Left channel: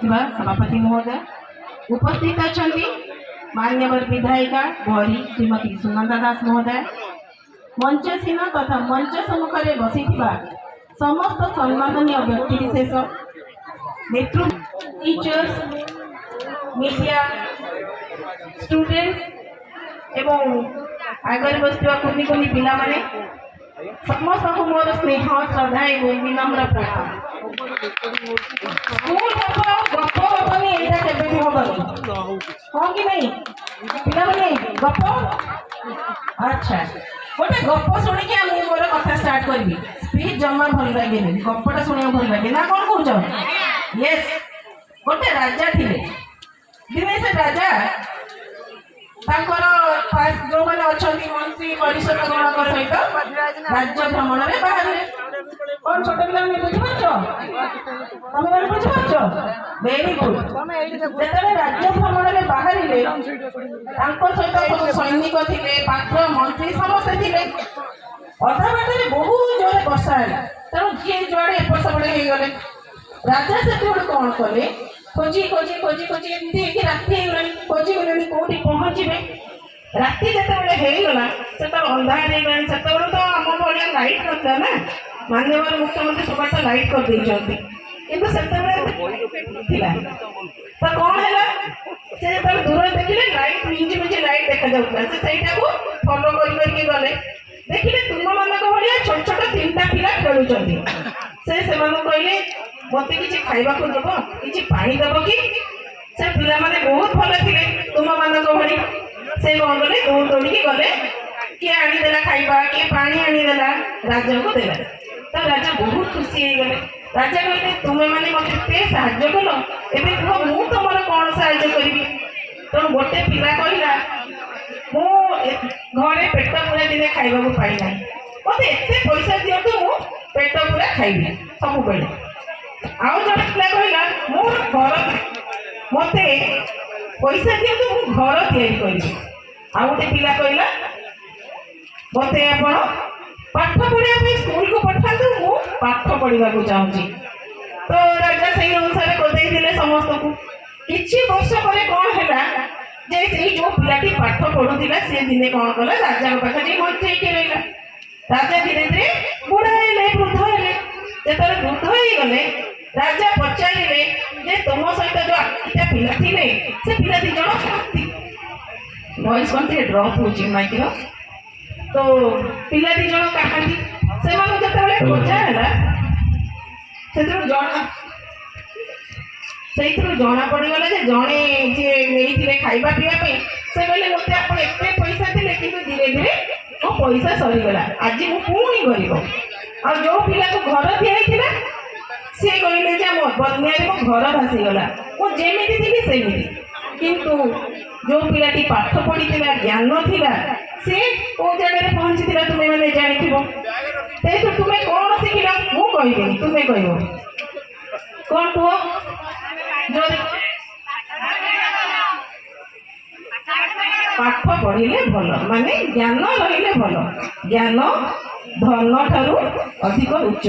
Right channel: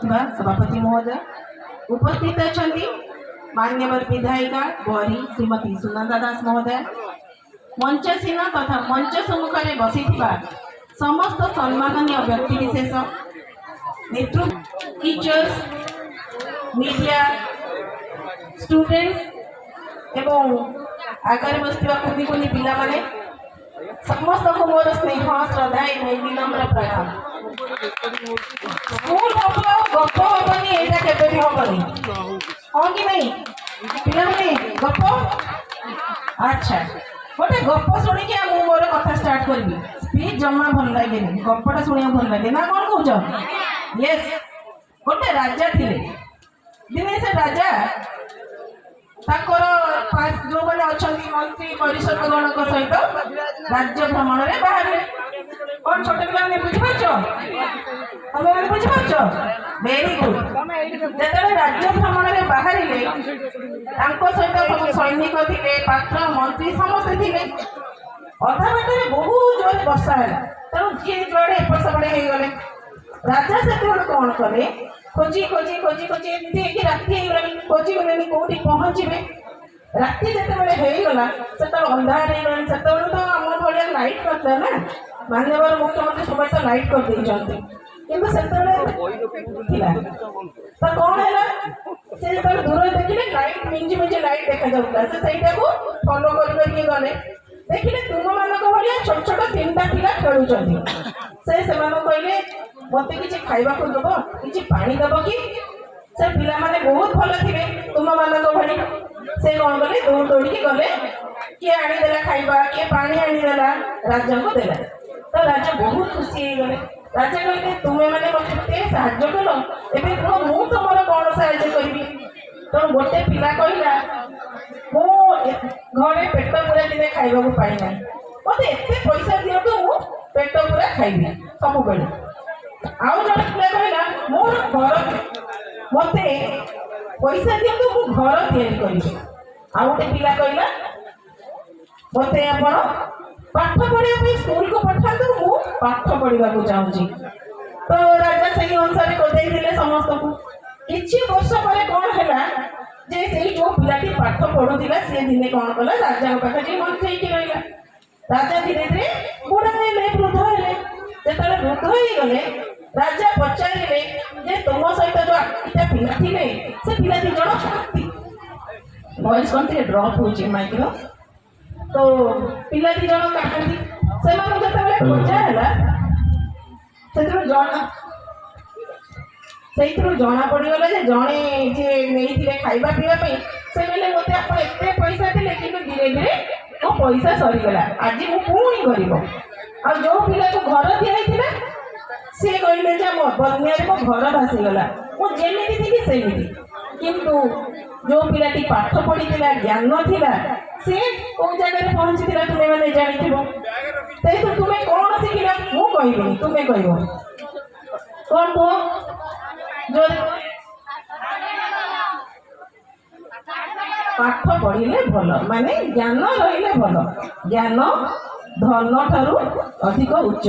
सभापति महोदय उपस्थित अच्छा मान्यवर विधायिका गौरी श्रीमती सुनंदा दास महोदय मंचसीन तथा मंच सम्मुख में बसी समस्त सम्माननीय व्यक्तिविशेष नेतृत्व टीचर्स मीडिया स्टूडेंट्स एवं आगे बसवा कुनी कुनी पिला माने समस्त को मोर स्नेह श्रद्धा एवं विनम्र प्रार्थना स्कूल हम गप हेनी यहाँ के हेनी हाँ कि नहीं पिला माने गप अच्छा गोटे गप शुणिक मोर कथा स्टार्ट करी स्पीच जमा भल लगे गपटा शुणा भल लगे ना कौन कौन यस गोटे राजा थिले दिने से राजा जो मैंने अच्छा मंत्री परिषद गणक सहित राज्य भ्रमण में बाहर कौन छोटे पिला बुझीपार तुम मैंने बुझीपार वेरी गुड जो राज्य भ्रमण में बाहर सहित सब सैनिक थे पात्र मंत्री समस्ते थे अधा बाटे बहुत जोर वर्षा है तेणु जी जुआड़े एपट सेपटे हो गले राजा से कौन कले खोजी खोजी खोजी खोजी एमती राति खोजी गले कौटी पहुँचे राति जितेबाला से अंधार से तो आम भाया लाइट करता ना माननीय मुख्यमंत्री सब तो लाइट कर देते किंतु से तो कौन है से जो दूर देखिले लाइट मिंजी मिंजी लाइट देखा जाऊला से फॉलो करके गले देखिले तुम मानक भाया छोट छोट 3टा पिला खेलुं से कहले मत कि खावा को दब कि पानी दब कि से पिला माने बहुत भल थे तुम मानक भाई से कौन गले दौड़ दौड़ी गले किए आनीदेला खाइबा किए पानी आनीदेला राजा को देला तो राजा बहुत खुशी हो गले राजा कहले तुम्हें मैंने मत साहय कल एवं कह मु तुम कौन साहय करी तेणु गोटे पिला कहला मु घरे पेट पूरा दिन खाइबा को पाई ना मत एत पैसा दिंतु मु पेट पूरा खाइबी सब बेले आउ जड़े पिला कहला मो घर मत पैसा दिंतु मु घर तैयारी करी आ गोटे पिला कहला मत आप पाठ पढ़ा स्कूल को पठातु मु पाठ पढ़ा चाहूँगी तो राजा से अनुसार कर समस्त को किसी वर्ष पर कौन है जे से जो पिलाटी पाठ पढ़ुला सी दिने कौन कला राजा पाखे मंत्री रहा राजा धीरे धीरे बुढ़ा है वृद्ध है जो वृद्ध हो गले राजा पचारे जे तुम सहित जो 8टा पिला थे से पिला 2 जन वॉइस कौन थे ड्रॉप हो माइक तो पिला 2 जन कहानी से जो पचारा से जना पड़गला जड़े जे नहीं खाइबा पीवाई से कहले मत आप एत पैसा थे कि धीरे धीरे मो पैसा सरीगला आज मु पुणी गरीब आ जो पिला को घर दिखाई सी कहले मो बन्या मो घर भासीगला मुझे थी सेमती किंतु जो पिलाटी पाठ पढ़ी ज्ञान थिला सी कौ जगह पहुंची तुम्हें मैंने जानी तुम्हें कौन शिखिल मु कहबी तुम्हें कह कौन कह जो पाठ पढ़िले भल माने ज्ञान रहिले भल ज्ञान धन ठारू अधिक उच्च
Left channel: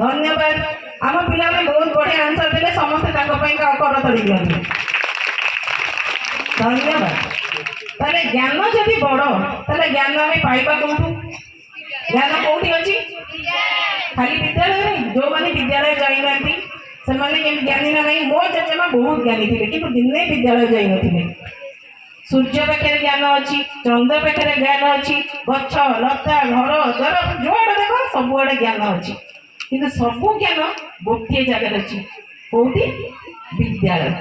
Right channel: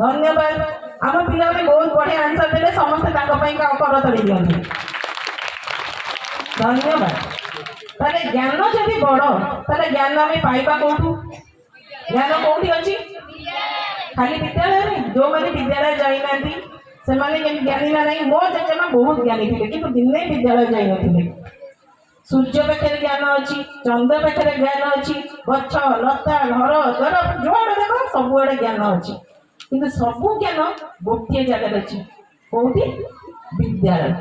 धन्यवाद आम पिला बहुत बढ़िया आंसर देले समस्त करतड़ी दिखते धन्यवाद ताले ज्ञान जदि बड़ ताले ज्ञान आम पाइबा कौटू ज्ञान कौटी अच्छी खाली विद्यालय जो मैंने विद्यालय जाइना से ज्ञानी ना नहीं मो जेजेमा बहुत ज्ञानी थे कि दिने विद्यालय जाई नथिले सूर्य पाखे ज्ञान अच्छी चंद्र पाखे ज्ञान अच्छी गछ लता घर द्वार जुआड़े देख सबुआड़े ज्ञान अच्छी किंतु सबू ज्ञान गोटे जगह अच्छी कौटी विद्यालय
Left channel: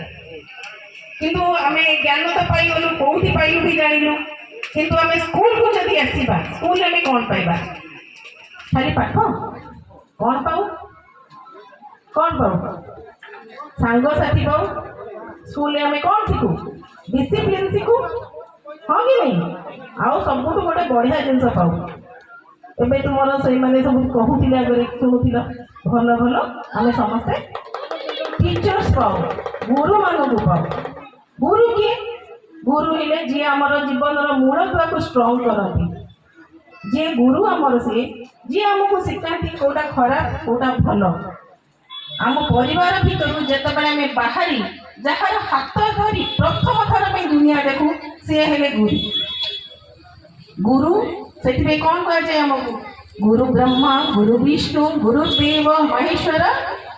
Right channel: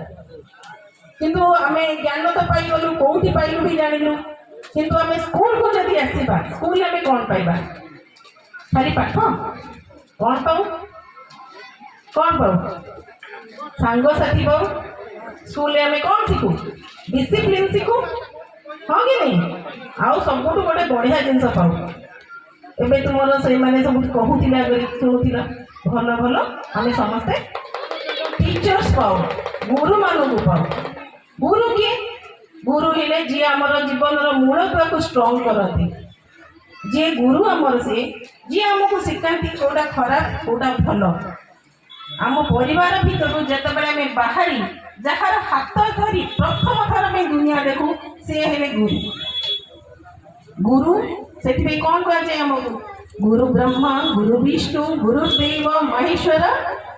किंतु आम ज्ञान तो पाइलु कौटी पाइलु भी जानलु किंतु आम स्कूल को जब आसवा स्कूल में कौन पाइबा खाली पाठ कौन पाऊ कौन पाऊ सांगसाथी पाऊ स्कूल में कौन शिखु डिसिप्लिन शिखु हाँ कि नहीं आउ सब गोटे बढ़िया जिनस पाऊ एवं तुम से मैंने सब कहूला शुणुला भल भल आम समस्ते टीचर्स पाऊ गुरु मानू पाऊ गुरु किए गुरु हेले जी आमर जीवन मूल को स्ट्रंग करती जी गुरु आमर से जी आमको शिखाती कौटा खराब कौटा भल आम परिवार भितर जितेबाला आम बाहरी जार हाथ धरी प्रथम थर में दुनिया देखू सी हेले गुरु। गुरु से कौन कहुए आमको गुरु ब्रह्मा गुरु विष्णु गुरुदेव महेश्वर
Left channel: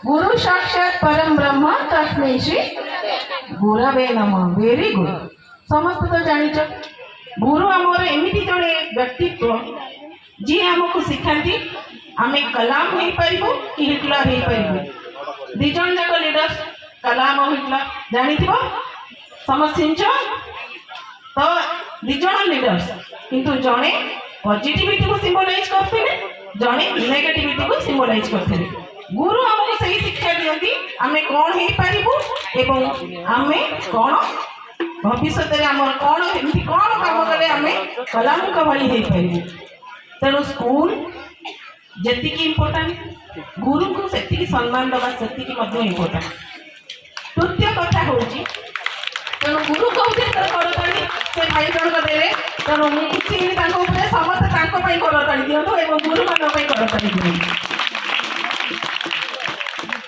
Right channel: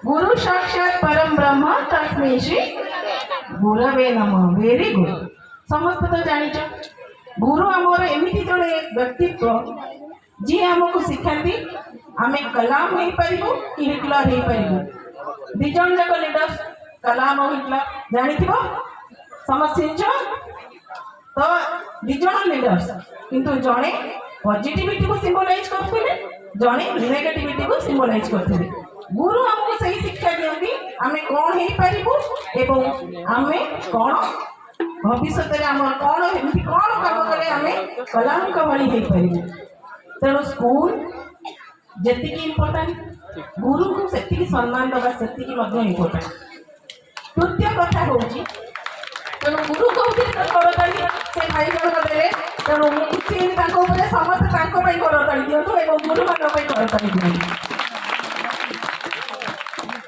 गुरु साक्षात परम ब्रह्म तस्मै श्री गुरवे नमः। Very good. समस्त तो जानिच गुरु आमर एमती जड़े व्यक्तित्व जी आमको शिखाती आम कलाम हो पारू कि हिटलर हो पारू। दिज जाक लीडर्स कलाम और हिटलर जानी समझ तो दिज लीडर्स किंतु जड़े पॉजिटिविटी को सिंबलाइज करते जड़े नेगेटिविटी को सिंबलाइज करते। गुरु आमको सही शिक्षा दियंती आमे कौन हो पारू एवं आमे कौन भविष्य में आम कौन एमती कौन कम कले आम कलाम भली हो पारू। तेणु स्कूल जी इम्पोर्टाट गुरु को से सम्मान दबा से इम्पोर्टाट। तृतीय कथा हूँ तेणु गुरु कहते करताड़ी से भाई जन देवे तेणु मुझे समस्त करताड़ी दिंतु और गुरु मान करताड़ी दिखाई।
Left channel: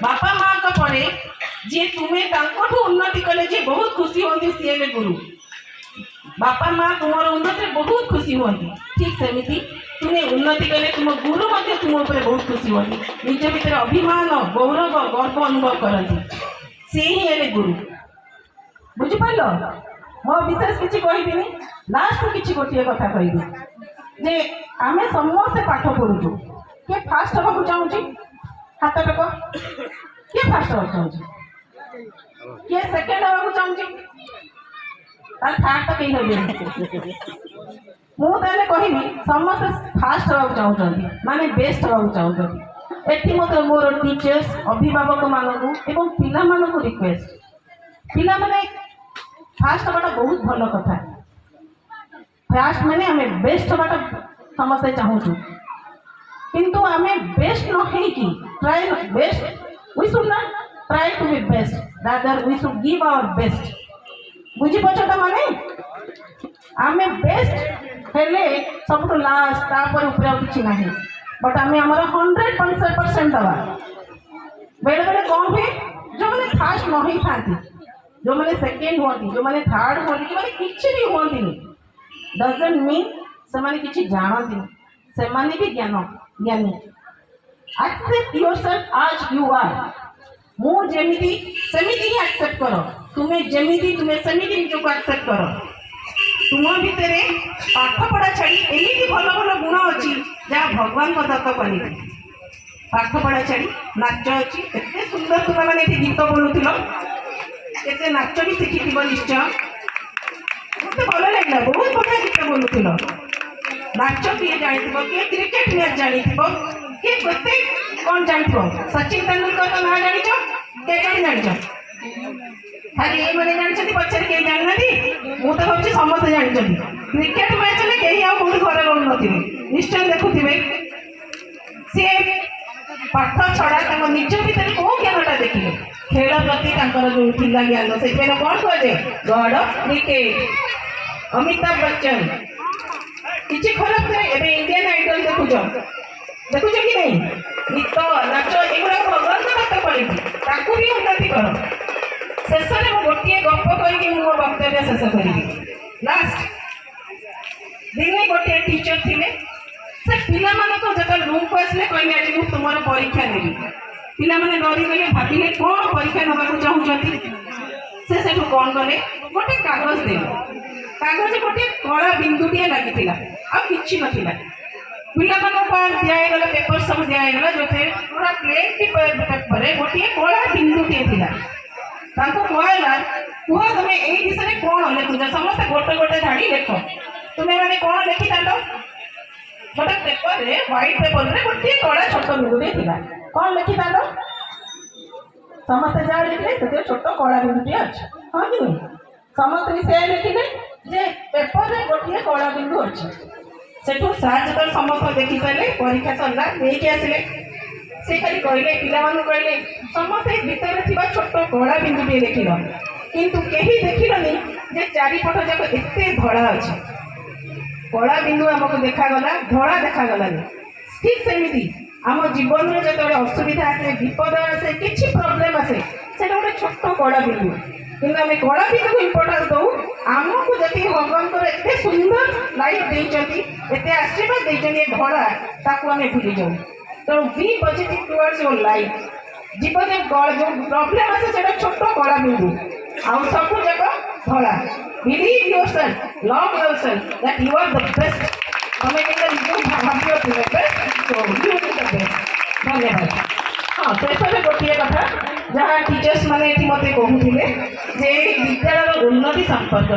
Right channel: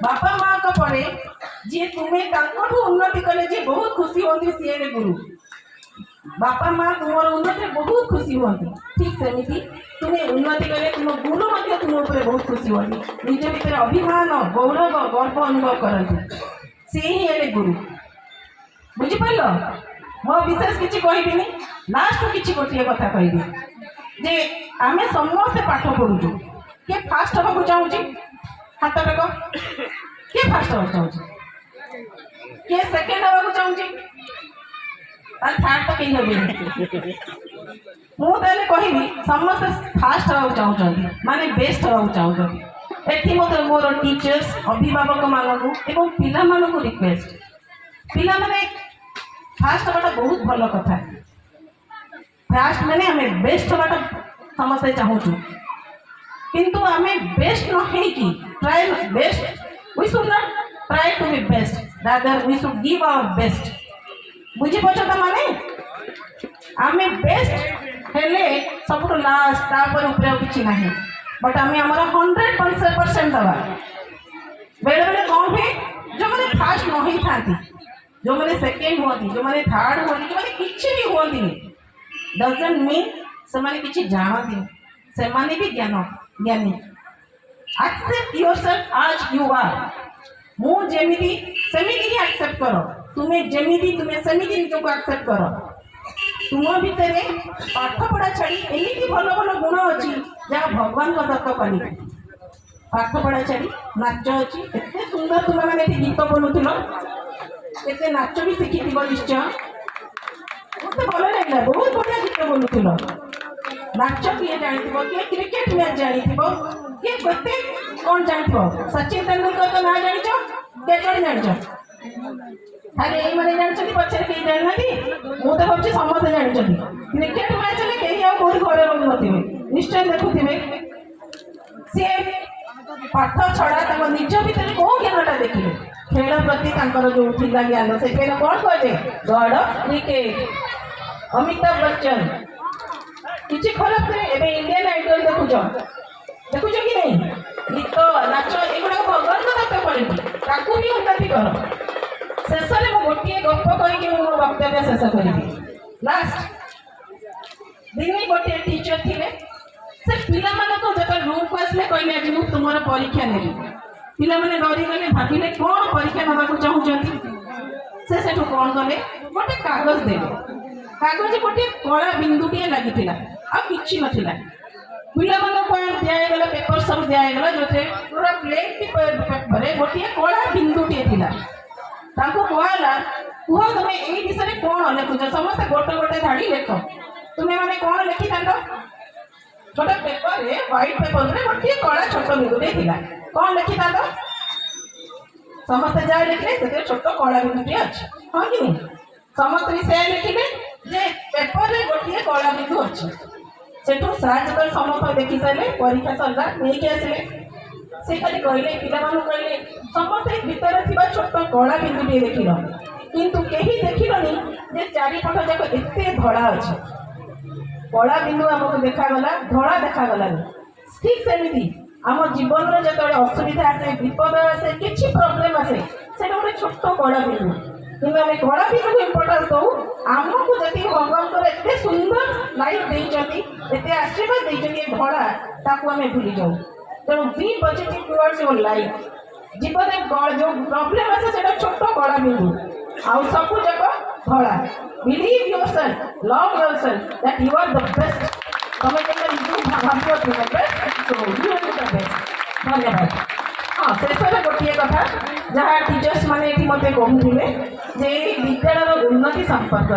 बापा माँ को पड़े जी तुम्हें उन्नति कले जी बहुत खुशी होती सी हेले गुरु। बापा माँ तुम उन्नति बहुत खुशी होती ठीक सेमती तुम्हें उन्नति कले तुम गुरु तुम ऊपर बहुत खुशी होती निज भीतर अभिमान गौरव गर्व अनुभव करती सी ही हेले गुरु। बुझिपार मो विशेष किसी कहबी लास्ट किसी गोटे कथा कहबी जे आम समस्ते पाठ पढ़ुचु किए फास्ट हाँ चाहूँगी हाथ टेक किए फास्ट हाँ चाहूँगी किए सेकेंड हाँ चाहूँगी थर्ड तो कहीं मुझे कहबी समस्त फास्ट हाँ चाहते माने बेस्ट हाँ चाहते। एटी मत मोर टीचर्स अभिभावक मानक एवं पिला मानक रिक्वेस्ट पिला माने फास्ट हवाटा बहुत भल कथा। फास्ट माने आम बेस्ट हवाटा समस्ते चाहूँ किंतु आम बेस्ट न कि try best we should not try to be best rather we should give our best. बुझीपार तो माने आम बेस्ट हेले सब लास्ट तापर ऊपर किसी ना बट आम आमर 100% दवा। बेले बेले कौन हुए जो मैंने फास्ट न ही था जो मैंने सेकेंड हमें जो मैंने थर्ड हमें जो मैंने किसी भी हमें डजंट मीन से मैंने किसी जानती से मैंने भी ज्ञान ज्ञानी। एक्सेप्ट योरसेल्फ आज यू आर मुझे सेमिति ही एक्सेप्ट करो तुम्हें जमीती तुम्हें सेमिति निजक एक्सेप्ट करो। तुम भितर पाठ पढ़ा छाड़ी एमती भल भल गुण अच्छी जहाँ भगवान को दत्त करेंगे। पाठ पढ़ा छाड़ी नाच अच्छी एत सुंदर तुम मैंने गीत बोलूल केते नाच भी शिखी निश्चय मत भल लगे बहुत बढ़िया गीत बोलूल नाच किए जानी किए क्रिकेट मैच जानी किए गोटे कौन जान सचिन तेंदुलकर तो ना जान के जान खाली ये जानते पचार कहीं जानना मुझे भावी समस्त जानते क्रिकेट मैच में कहीं कौन घर रोन निश्चय देखुवे सी पाठ छड़ा निज भर कौ ज्ञानटा देखिए खेल प्रति जो थिला ज्ञान से कौन कहे God of cricket Amitabh Bachchan किसी खराब नहीं एवं इंडियन आइडल देखुच कि नहीं गीत नाच एगुड़ा भगवान को दत्त कर भी उन्नति कर। शेष में मुझे गोटे गप कहीकि मो वक्तव्य शेष करी लास्ट दिने गोटे टीचर थे से पिला जो रूम को आसले कहले आज मुझे तुम परीक्षा नेबी पिला माने डरी गले भाविले कौन परीक्षा नाक चाहूँगी से कौन कले गोटे कागज दे कागज गोटे कला बिंदुटे लगी आ कि नाला पिला दिगला पेपर सब दिगला जो पूरा प्लेन पेपर गोटे कला बिंदुटे कहला कह तुम ये विषय कौन लिखुच समस्त गोटे गोटे धाड़ी लेख तुम्हें मैंने कौन लिखी था गोटे पेपर व्हाइट पेपर गोटे कला छोट बिंदुटे कौन लिखी था समस्त जहाँ लिखे से छोट कला बिंदुटे अच्छे हाँ कि समस्त विषय लिखिले जे पेपर रे गोटे कला बिंदु अच्छे सेठू सार जो समस्त देखी सारे परीक्षा सरला नहीं आसिले से खाली कहले पिला कहले समस्त भीतर थी छोट कला बिंदुटे देख किंतु कहीं देखिलनि जे चारिपट जाक एत धड़ा अच्छे कला बिंदु आमको देखागला धड़ा देखागलानी ठीक सेमती आम जीवन में जो असुविधा आसे विपद आसे किसी प्रोब्लेम आसे से गोटे छोट कड़ा बिंदु कि आम कड़ा बिंदु को इम्पोर्टान्स दऊ आमको जी भगवान एत सुंदर लाइफ देते एत आशीर्वाद देते धड़ा ताकू आम भूली जाऊ तेणु be positive towards your life जीवन जो प्रोब्लेम आसे से छोट कड़ा बिंदु आउ सब जगह धड़ा believe yourself love yourself that you are the best तमें धन्यवाद। हाँ शेष में गोटे कथा जहाँ टीचर्स मैंने मत कहते विद्यालय उन्नति संपर्क